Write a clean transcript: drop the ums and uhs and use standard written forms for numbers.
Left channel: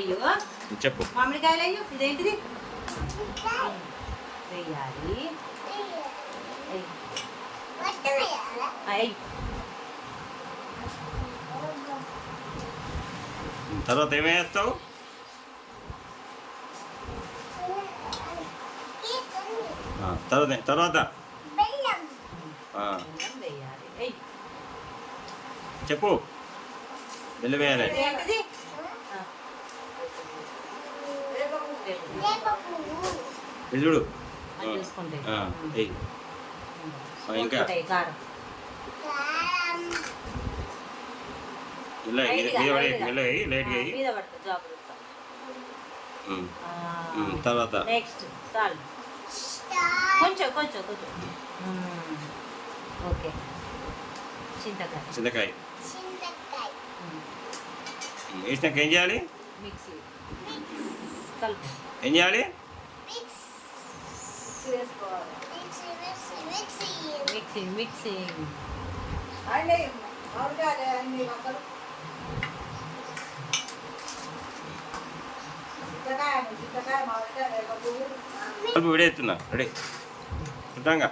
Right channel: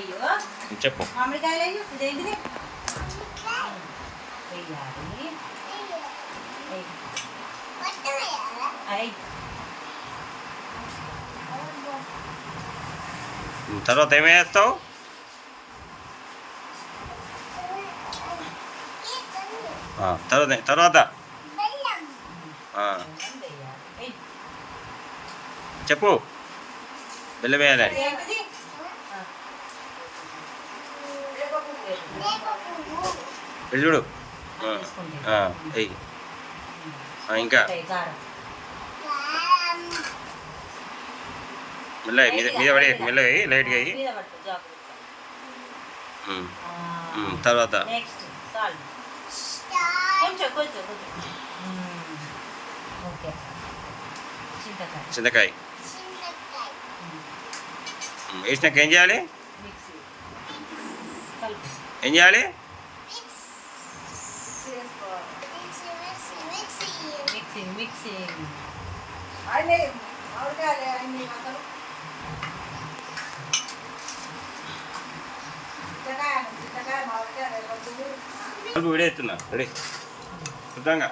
అయ్యో చెప్పు. మామిడికాయలు అయ్యో ఇదేంటిది వెయ్యాలి. తర్వాత ఏమేస్తావు? తర్వాత చెప్పు. బెల్లం వేయాలి. చూడు. ఇంకా మెల్లగా మీద పడి మెల్లగా అయ్యి లైట్గా అయ్యి తర్వాత చింతకాయ వేసినాక ఏం చేయాలి? ఏం చేయాలి? వీడియో ఎత్తున్నా రెడీ శుద్ధంగా.